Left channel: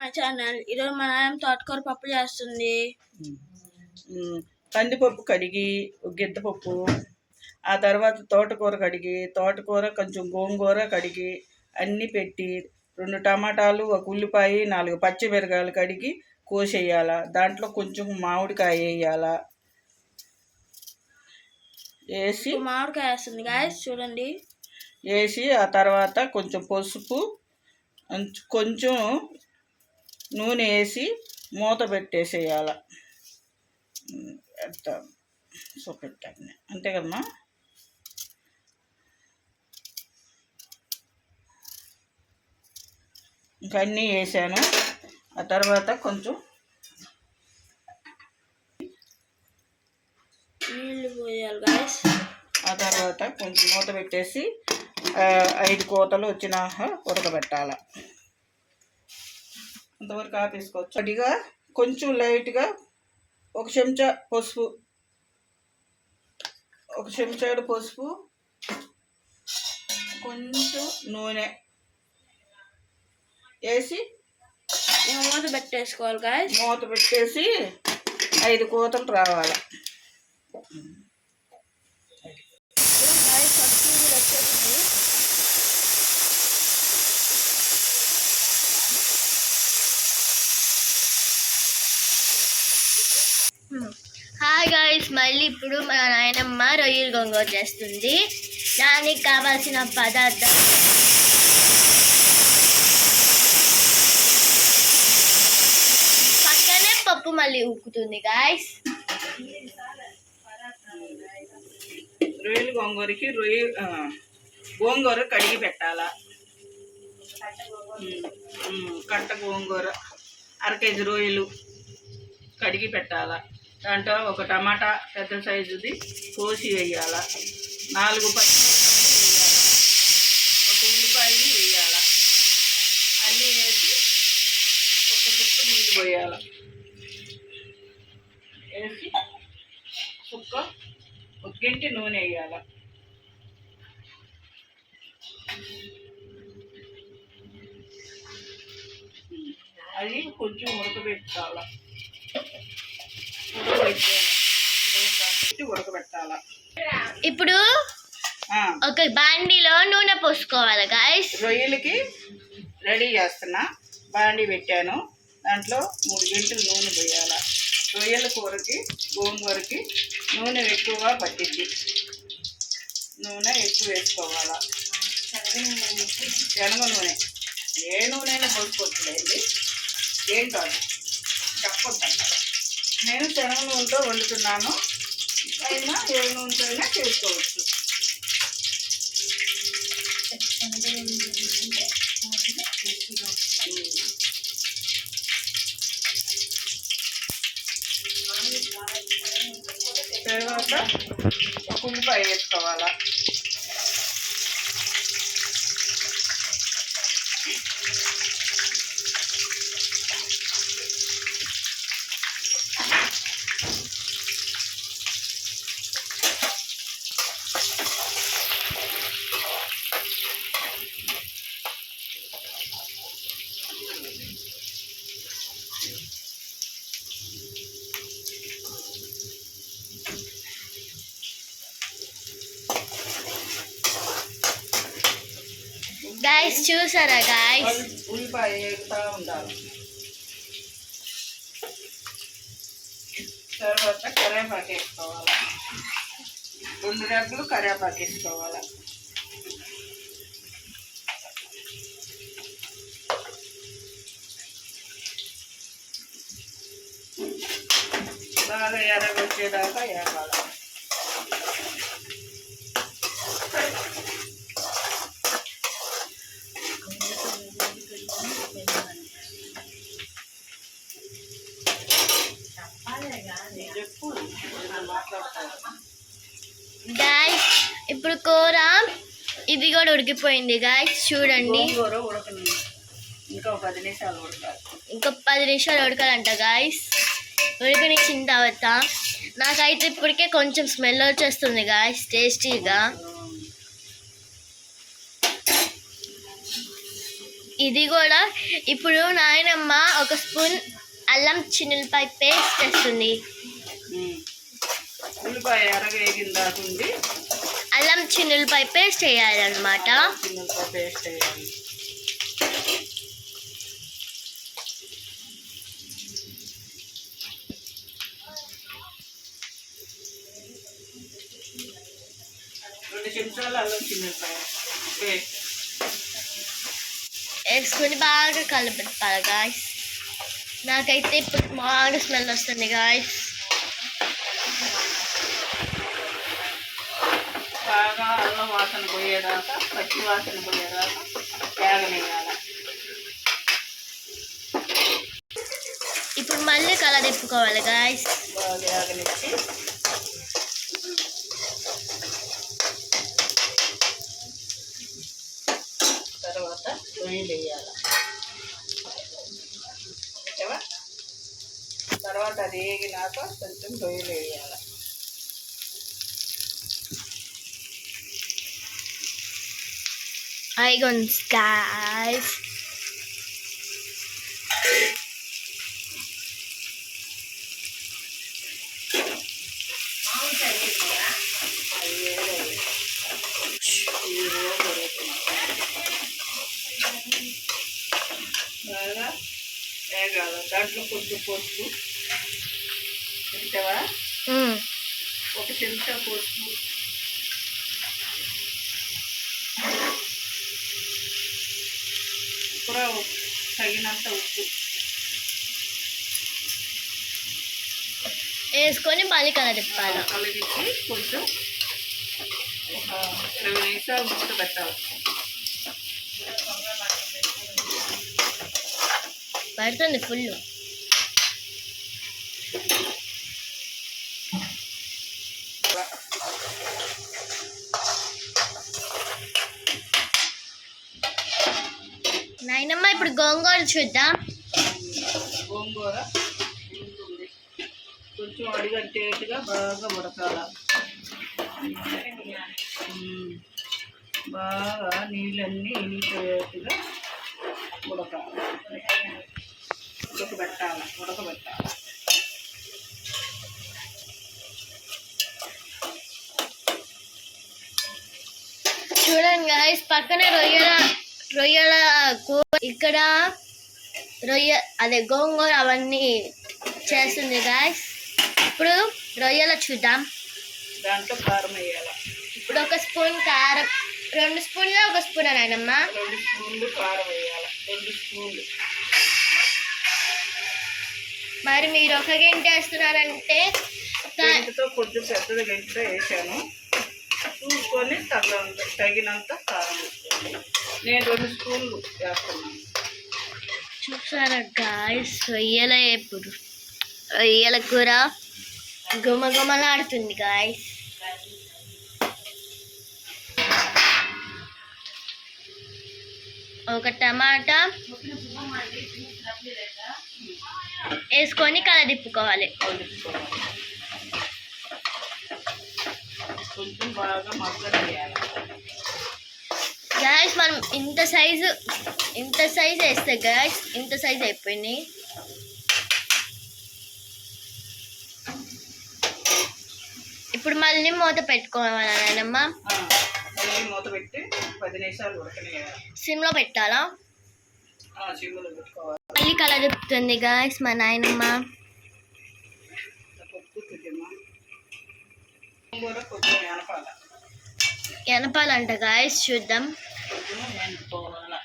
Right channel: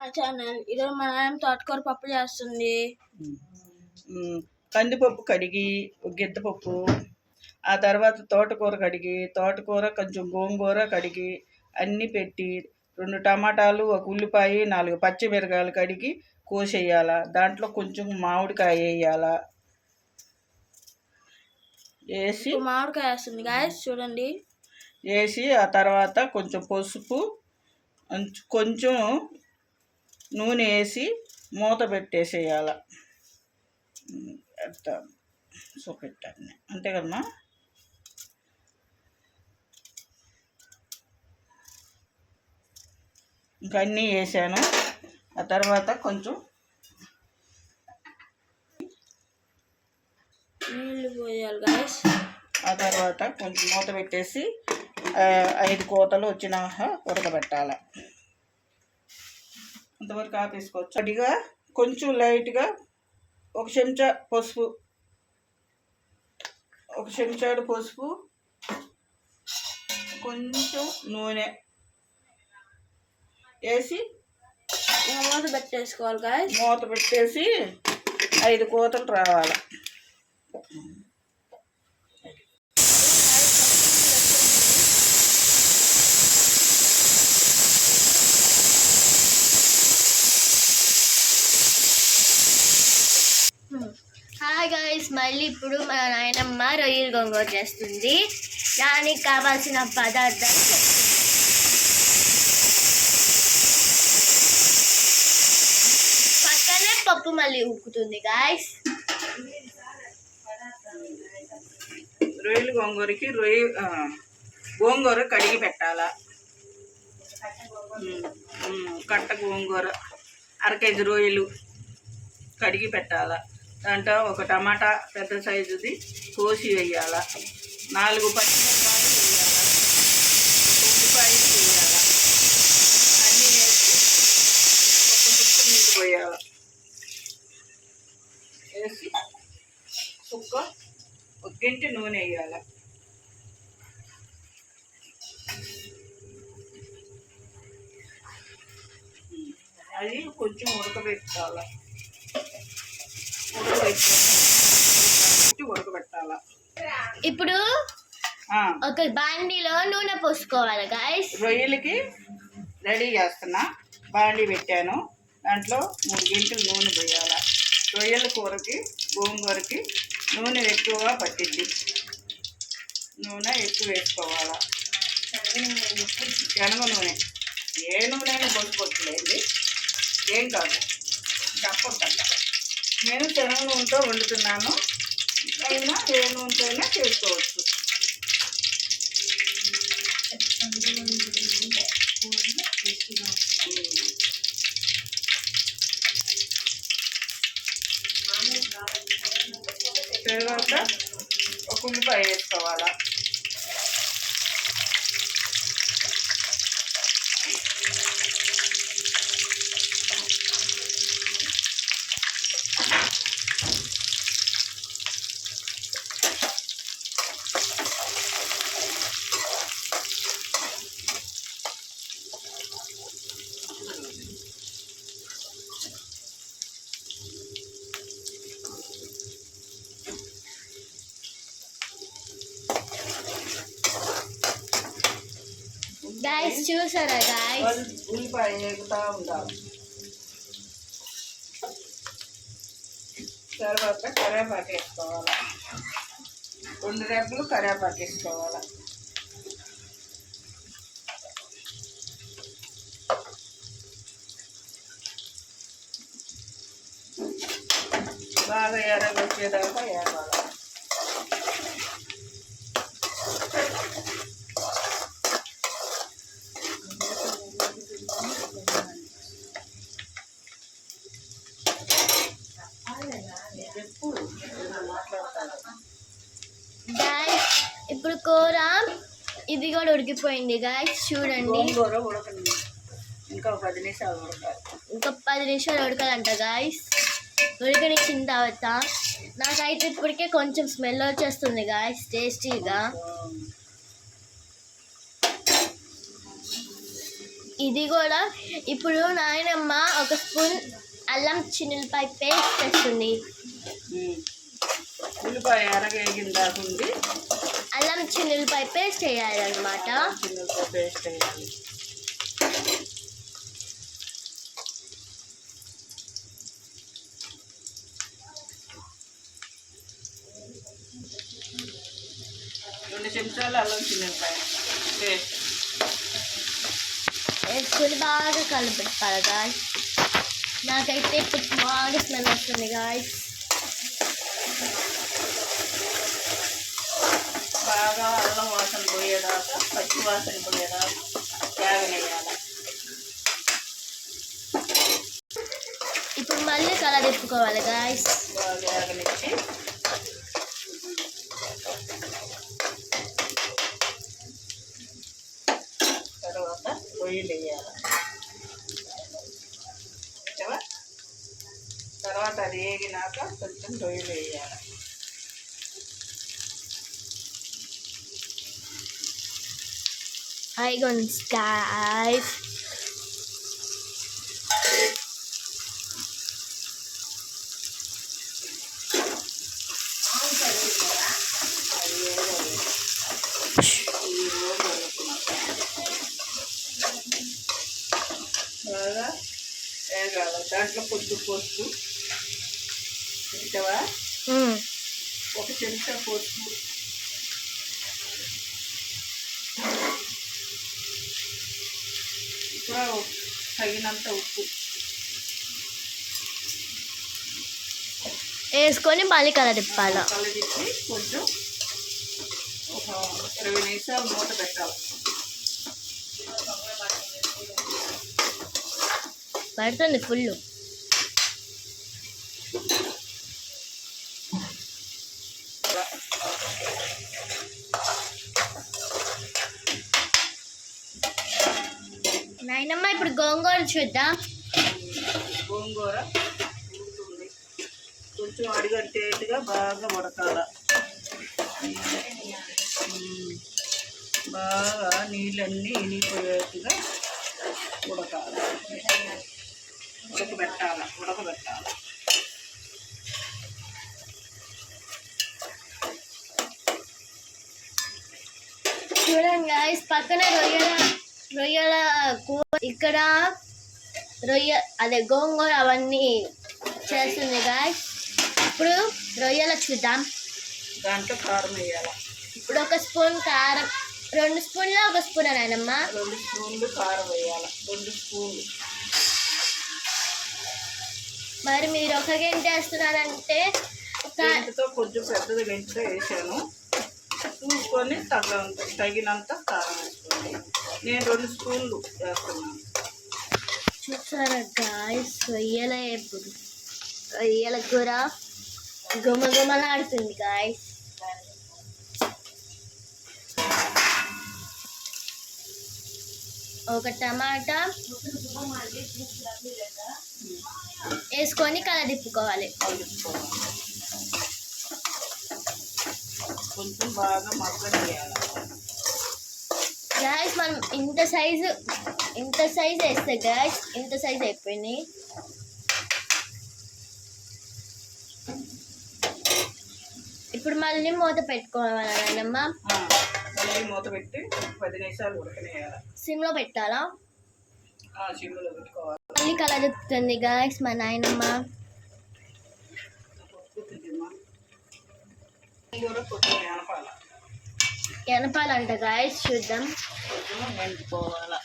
మా ఛానల్ ఈరోజు మా నాయన తోటకూర పప్పు చేస్తుంది. కందిపప్పు కడిగి గిద్దపప్పు, ఆ తర్వాత తోటకూర కడిగి, తోటకూర కొంచెం గోంగూర కడిగి అన్నీ పెట్టి 2 టమాటాలు, 1 ఉల్లిపాయ, 4 పచ్చిమిరకాయలు కడిగి కోసేయాల. దాంట్లో కొంచెం మామిడికాయ వేయాల. వేసి మామిడికాయ వేస్తుంది గాయస్ చూడండి. వేసి ఆ తర్వాత కొంచెం పసుపు, కొంచెం నూనె వేసి మూత పెట్టేసేయాల. ఎట్లా చూపెట్టాను అంతే కదమ్మా. ఇంకా అన్నీ వేసాను. ఆ తర్వాత కొంచెం నీళ్ళు పోయాలి గాయస్. ఆ తర్వాత కొంచెం మూత పెట్టేసి 5 కోతలు వచ్చినాక ఉడకబెట్టాల. అంతవరకు ఆపేసుకోవచ్చు. అడిగా కొంచెం లైట్గా 1 చెంచా పసుపు, 1 చెంచాడు పసుపు, కొంచెం నూనె వేసి మూత పెట్టేసుకోవాలి గాయస్. మూత పెట్టేసి 5 కోతలు రావాలి. హాయ్ గాయ్స్, మళ్ళీ ఇప్పుడు మన నాయనమ్మ రొయ్యలు గోంగూర చేస్తుంది. దానికి కావాల్సిన పదార్థాలు పక్కనే పప్పు మళ్ళీ ఉక్కుతుంది గాయ్స్. రొయ్యలు గోంగూరకి గోంగూర కడిగి పెట్టాలా. కట్ట గోంగూర 1/2 కేజీ రొయ్యలు కడిగి పెట్టాలా. దాంట్లో 1 టమాటా పెద్ద సైజుది కోసి వేయాల. 4 పచ్చిమిరకాయలు వేయాల. 1 ఉల్లిపాయలు వేయాల. అన్నీ వేసి 1 సుక్క నీళ్ళు పోయాల. వేసి సుక్క 1 గంటి నూనె వేయాల. అది కొంచెం ఉడకబెట్టాల. ఉడకబెట్టాల. ఇప్పుడు ఒక బాండీలో నూనె పోసుకోవాలి గాయ్స్. రొయ్యలకి రెడీ చేస్తున్నా. బాండీ పెట్టాను. దాంట్లో 3 గంటలు నూనె పోయాల. రొయ్యల కూరకి గోంగూరకి నూనె ఎక్కువగా పట్టింది. నూనె ఎక్కువ వేసుకోవాలా. శనగ నూనె, ఏ నూనె అయినా పోసుకోవచ్చులేండి, ఏం కాదు, చెప్పొద్దంట. నేను శనగ నూనెతో వండుతున్నాను. అయినా ఏ నూనెతో అయినా చేసుకోవచ్చు. తర్వాత 1 ఉల్లిపాయ వేసుకోవాలా. గాయ్స్ చూసారా గాయ్స్, ఉల్లిపాయ వేగుతూ ఉండాలి. తర్వాత కరివేపాకు వేసుకోవాలి. 2 రెబ్బలు కరివేపాకు వేసుకోవాలి. బాగా ఎర్రగొచ్చేదాకా వేపాలి. గాయ్స్ ఇప్పుడు కూర ఇది కూడా ఉడికిపోయింది గాయ్స్. చూడండి, ఇంకా 10 నిమిషాలు ఉడకాలి. ఇంకా 10 నిమిషాలు ఉడకాలంట గాయ్స్. ఉడకనిచ్చిన తర్వాత నాకైతే ఇప్పటికే కొంచెం స్మెల్ వచ్చేస్తుంది గాయ్స్, టేస్టీగా. ఇది కూడా ఇప్పుడు నాయనమ్మ ఒక స్పూన్ అల్లం చిన్నులపాయ పేస్ట్ వేస్తుంది. ఉల్లిపాయ ఎరగేగిన దాకా ఉంది. అల్లం చిన్నులపాయ పేస్ట్ వేయాలన్నమాట. చిన్నులపాయ పేస్ట్ వేయాలి. రెండు చెంచాలు అల్లం చిన్నులపాయ పేస్ట్ వేసుకొని బాగా కలపెట్టాలి గాయస్. నాకైతే ఇప్పుడు బాగా స్మెల్ వస్తుంది గాయస్. బాగా అల్లం వాసన పోయేదాకా, పచ్చి వాసన పోయేదాకా వేగనేయాలి. ఇప్పుడు మళ్ళీ కలదిప్పుకోవాలి గాయస్. బాగా వేగనిచ్చి తర్వాత రొయ్యలు వేయాలి. తర్వాత అది వేగినాక కొంచెం రొయ్యలు వేయాలి. ఐగోన్స్ గాయస్. అది వేయాలి. బాగా వేగాలి. దాంట్లో కొద్ది పసుపు తింటావా, ఒక చెంచా పసుపు, కూడా తగినంత ఉప్పు వేసుకొని మళ్ళీ కలదిప్పాలి. కలిపి కొంచెం ఒక 20 నిమిషాలు మూత పెట్టాలి. పడుతుంది ఫుల్. నాయనమ్మ ఇప్పుడు గోంగూర చూద్దాం. గోంగూర ఉడుకుతుంది. కొంచెం అడిగంటేట్టుగా బాగా ఉడకాల. బాగా నీళ్ళన్నీ ఇనిగిపోయేట్టుగా ఉడకాలి. ఉడకబెట్టాలి. చూడండి గాయస్, పక్కన రొయ్యల కూర, ఇక్కడ అదే గోంగూర అవన్నీ చేస్తుంది గాయస్. ఇప్పుడు రొయ్యల చూద్దాం. దాంట్లో కారం వేయాలి. ఇప్పుడు ఒక స్పూన్ కారం, 2 స్పూన్ల ఒక స్పూన్ నాయనమ్మ. 2 స్పూన్లు కారం వేయాలి. 2 స్పూన్లు. మరి మీరు ఒక గంట వేస్తున్నారంటే గంటతో కొంచెం పెద్దది గంటతో వేసాను. చూసుకొని తగినంత కారం వేసుకోండి. నేను 2 స్పూన్లు వేస్తున్నాను. చూసారా గాయస్, రొయ్యల కూర గుమగుమలాడుతుంది గాయస్. ఒక టమాటా వేసుకొని కలదిప్పుకోవాలి. కొంచెం బాగా మగ్గనియాలి. గాయస్ మనం ఇంత సైజు వేస్తే గాయస్, ఇంత సైజు అయిపోయినాయి. ఇప్పుడు మళ్ళీ మూత పెట్టుకోవాలి నాయనమ్మ. మళ్ళీ మూత పెట్టి 10 నిమిషాలు ఉడకనియాలి. సిమ్లో పెట్టాలా? సిమ్లో పెట్టుకోవాలి. మళ్ళీ కలదిప్పుతుంది గాయస్ మా నాయనమ్మ. కొంచెం ఎనపాలంట గాయస్, చూద్దాం. ఎండిపోవాలి.